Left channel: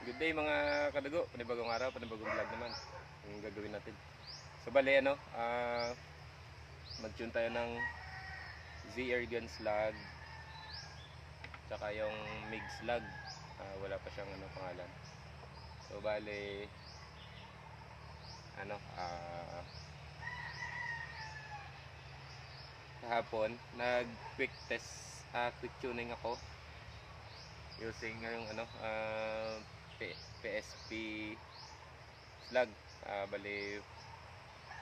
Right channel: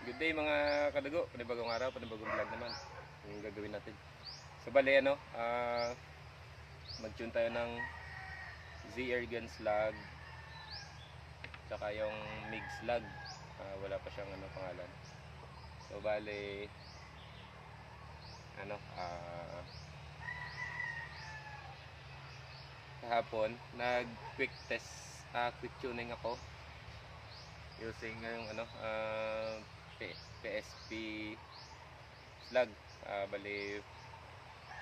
Good day mga kadago, panibagong araw, panibagong vlog naman yung gagawin natin. So bali mag-tune tayo ng Z-Erdian slug saka yung MIG slug. Wala pa siyang pangalan. So bali kahapon nag quick test, quick tuning ako using yung PSP slug, bali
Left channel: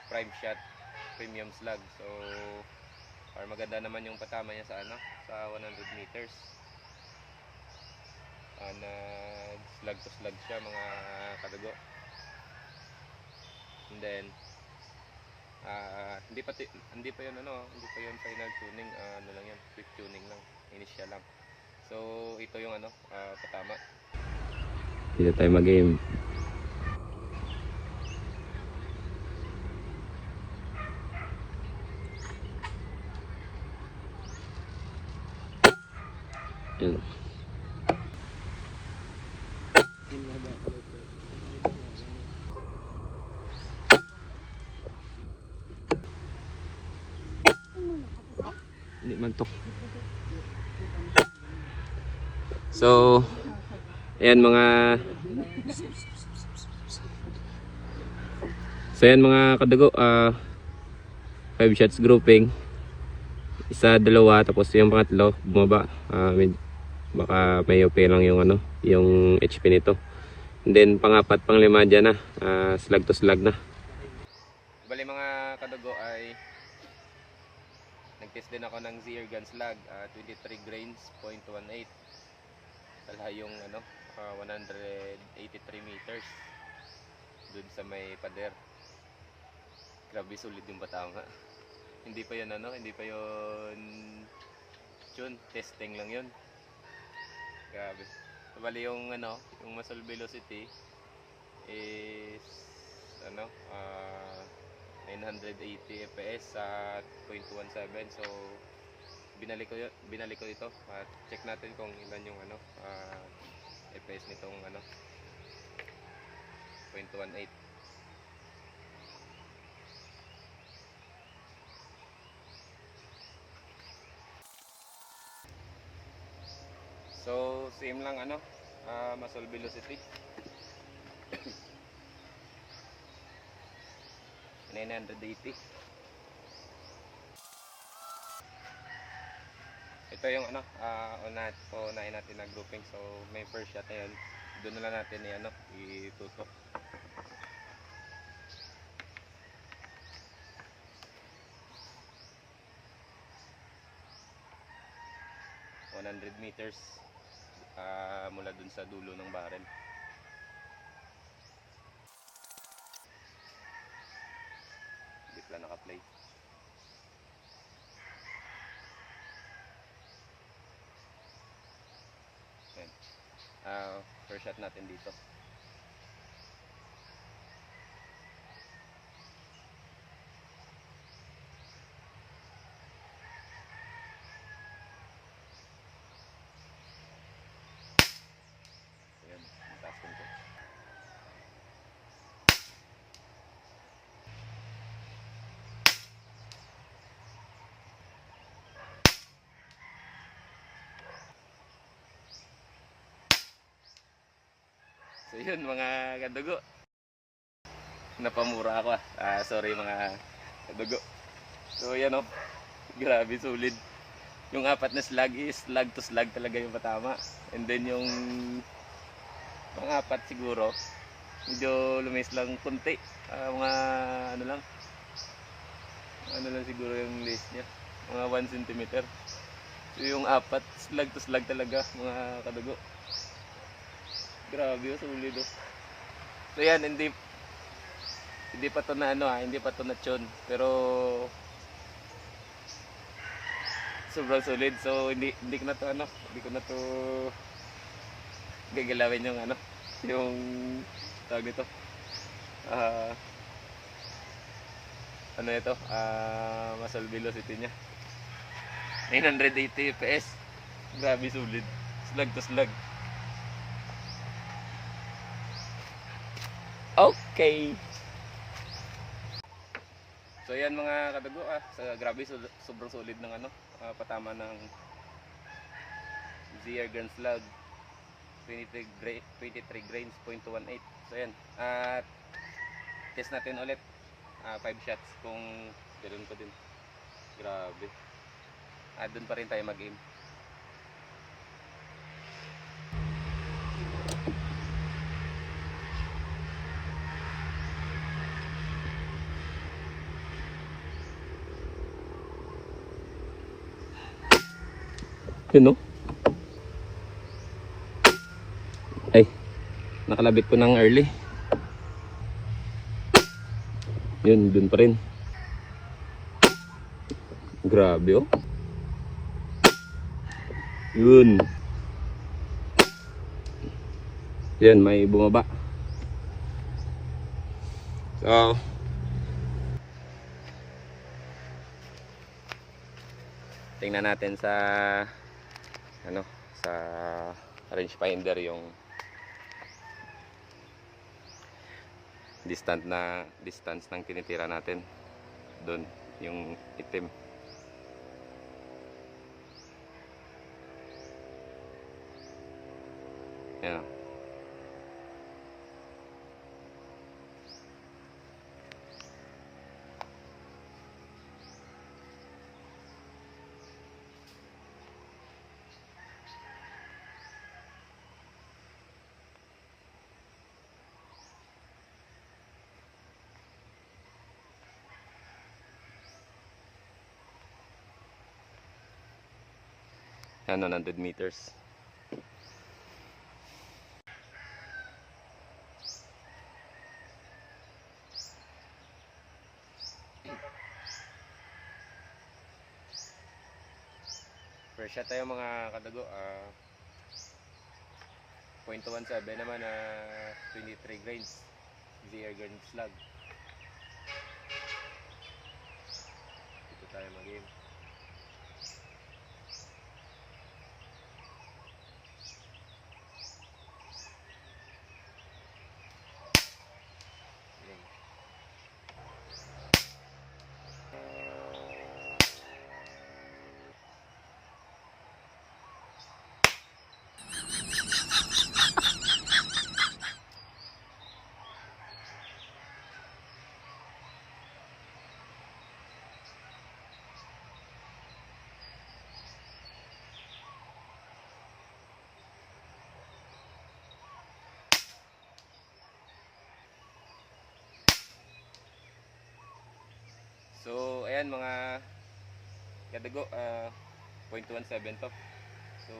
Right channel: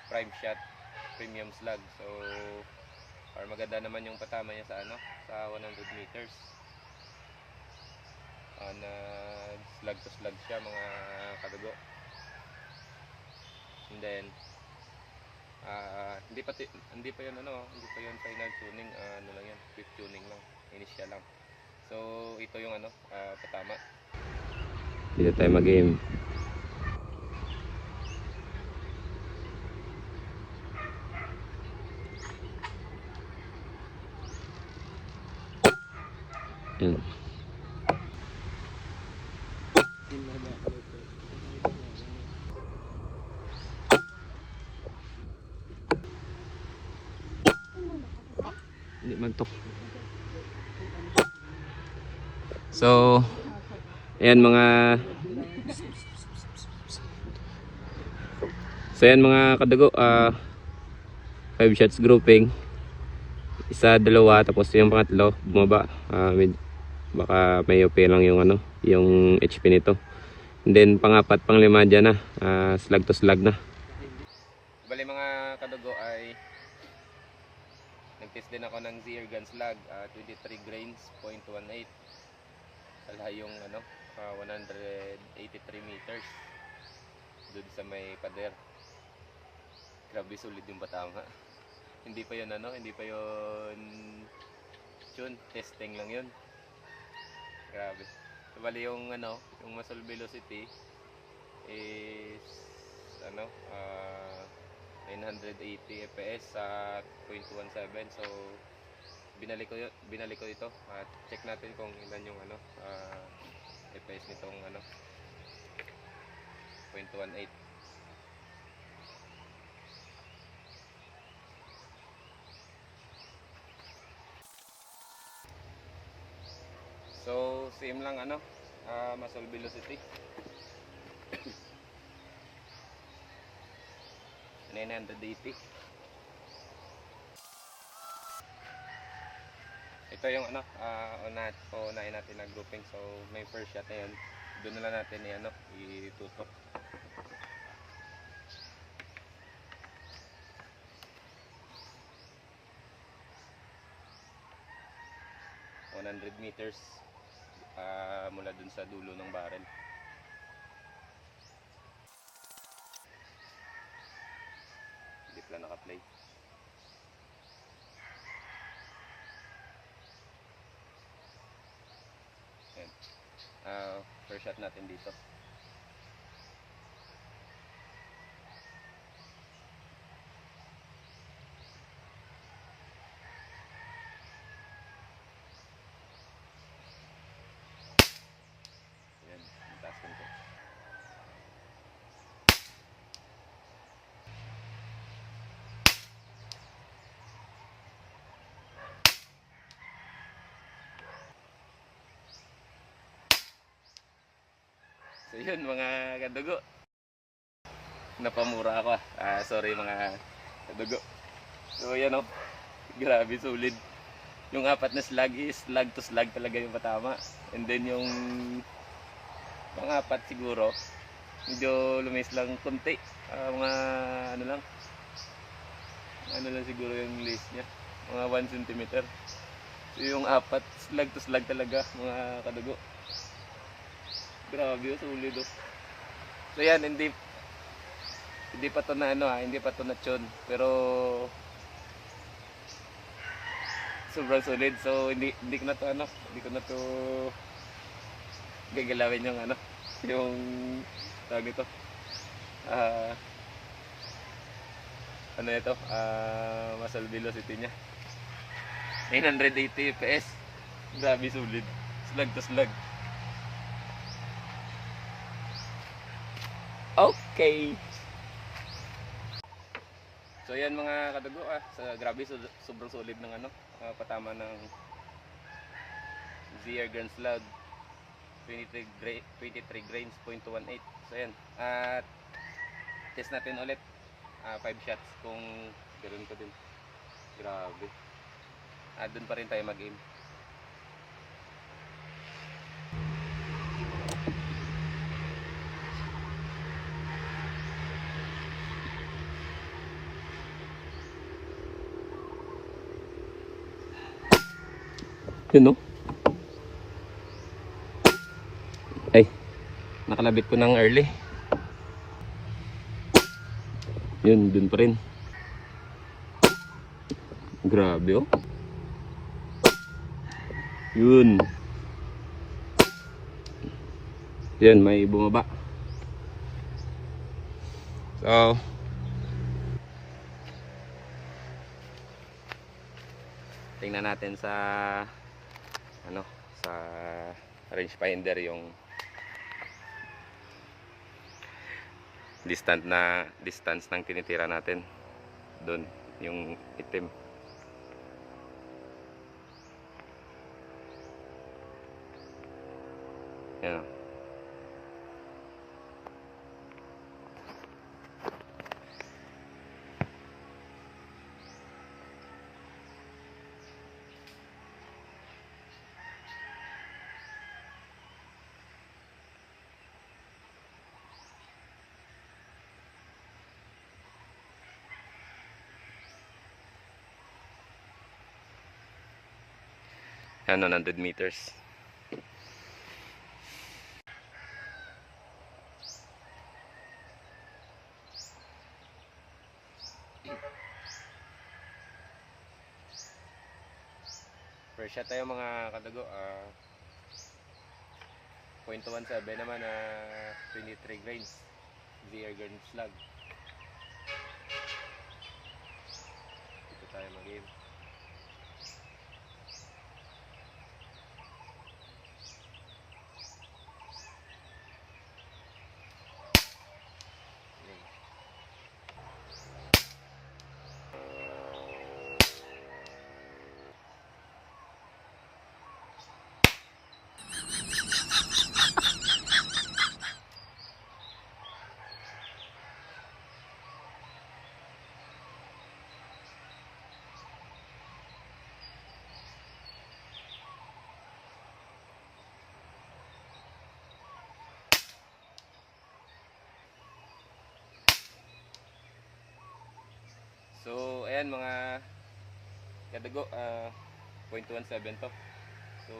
prime shot premium slug. So maganda naman yung patama niya sa sa 100 meters. Nag slug to slug siya mga kadago. And then hindi pa yun final tuning, lang yun, quick tuning lang, initial lang. So ito yung patama. Dito tayo mag-aim. Hindi mantok. So ayan mga kadago, 5 shots grouping, isa, dalawa, tapos yung pangatlo bumaba. Baka may okay lang yung yung HP nito. And then pangapat, panglima dyan na, slug to slug na. Bali mga kadago ay nag-test din ako ng Z-Erdian slug, 23 grains, 0.18. Sala yung 183 meters dun sa may pader. Grabe, sulit yung batanga. Hindi pa yun tune, testing lang yun. Grabe. So, bali yung yung muzzle velocity is 980 fps at 0.17. So binalik ko ito at check natin kung ilan yung fps nitong 0.18. So same lang muzzle velocity 980. Ito yung unahin natin na grouping. So may first shot na yun, doon na lang natin itutok. meters mula dun sa dulo ng barrel. Hindi pala naka-play. First shot natin dito. Ayan, taas ko. So yun mga kadugo, napamura ako. Sorry mga kadugo. So yan grabe solid. Yung apat na slug is slug to slug talaga yung patama. And then yung pang-apat siguro medyo lumis lang konti, mga lang siguro yung lace niya, mga 1 cm. So yung apat slug to slug talaga mga kadugo. Grabe, solid. So yan, hindi pa to hindi pa to na tune, pero sobrang solid. So hindi ko na to gagalawin yung yung tawag ito, ito, muzzle velocity niya 980 fps. Grabe, solid, slug to slug. Okay. So yan mga kadago, grabe, sobrang solid ng patama ng ZR Grand Slug 23 grains, 0.18. So yan, at test natin ulit 5 shots kung ganoon ko din. Grabe, doon pa rin tayo mag-aim. Yun, no? Ay, nakalabit ko ng early. Yun, dun pa rin. Grabe, oh. Yun. Yun, may bumaba. So, tingnan natin sa sa rangefinder yung distance ng tinitira natin doon, yung itim. Yan. Yan, 100 meters. First shot tayo mga kadago, 0.17 naman, 23 grains ZR Grand Slug. Dito tayo mag-aim. So ayan mga kadago, 0.17 to. So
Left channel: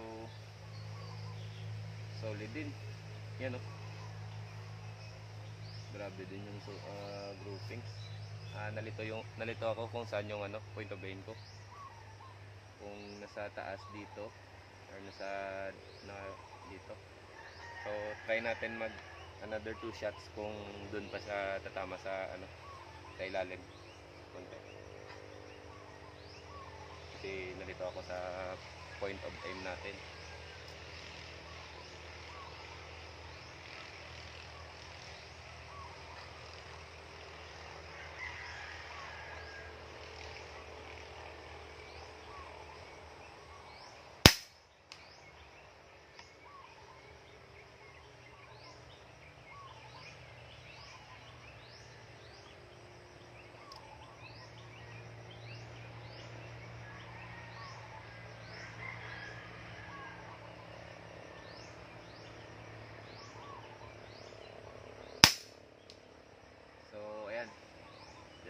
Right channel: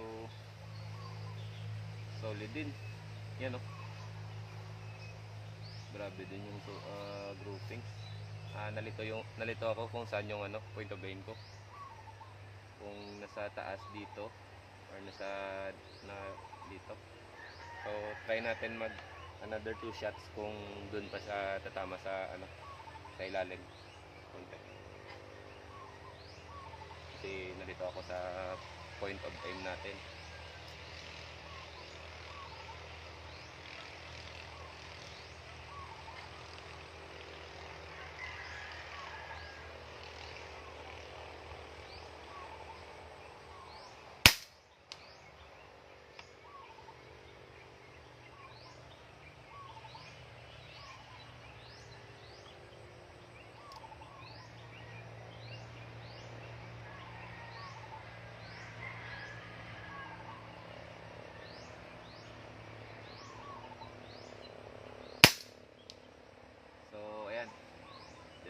solid din. Yan, oh. Grabe din yung grouping. Nalito ako kung saan yung point of aim ko. Kung nasa taas dito or dito. So try natin mag another 2 shots kung dun pa sa tatama sa sa ilalim. Konti. Kasi nalito ako sa point of aim natin.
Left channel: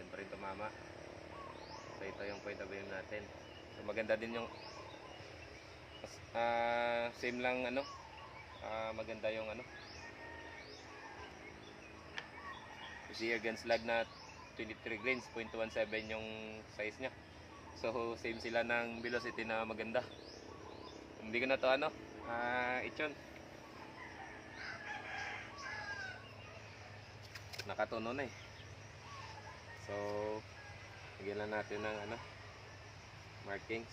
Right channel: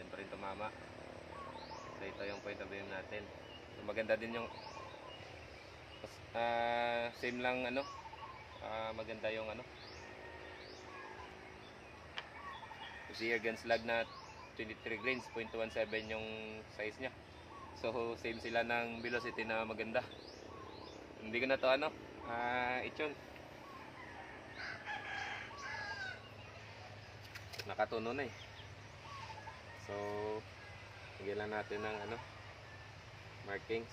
Diyan pa rin tumama. So ito yung point of aim natin. So maganda din yung same lang maganda yung ZR Grand Slug na 23 grains, 0.17 yung size nya. So same sila ng velocity na maganda. Hindi ko na to ityon. Nakatuno na eh. So lagyan lang natin ng markings.